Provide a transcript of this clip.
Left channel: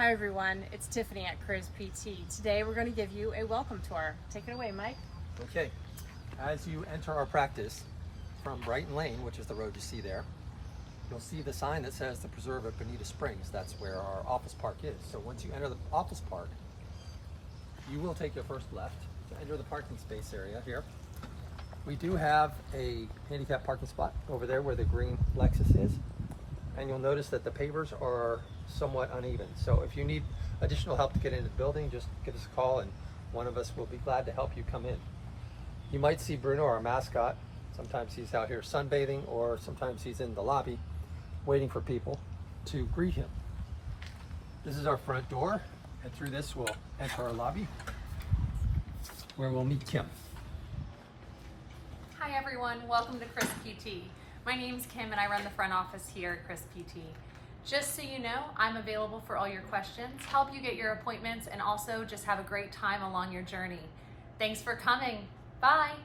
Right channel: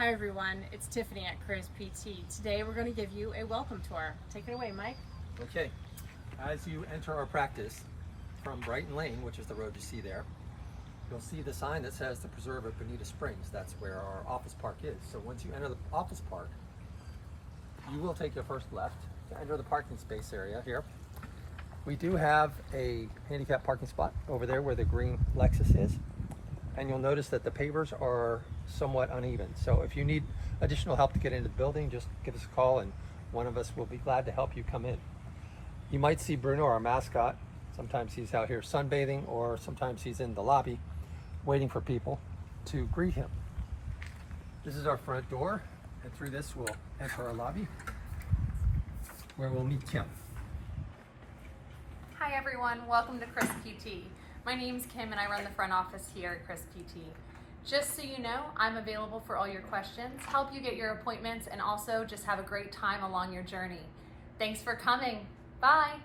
Hi everyone, it's Tiffany at Chris PT. Today we're going to give you a welcome tour. Take it away, Mike. Okay, as you enter our practice from Brighton Lane, which is the road you see there, you'll see the sign that says the Preserve at Bonita Springs. That's where our office park is. So once you enter the office park, you will take your first left to enter the parking space area here. We do have a handicap parking spot over there where the green Lexus is. And you'll notice that the pavers are somewhat uneven. So if you need additional help to get into the building, just give us a call and one of us will be glad to help you come in. You might see Bruno, our mascot. Sometimes he's out here sunbathing, or sometimes he's in the lobby waiting for people to greet him. This is our front door, and through this we'll enter our lobby where we'll meet Kim. Hi everyone, welcome to Chris PT. My name's Kim and I run the front office here at Chris PT. Just so you know, I'm available for all your questions, help you get your appointments, and also just have a great time along your journey. Thanks for coming. Bye.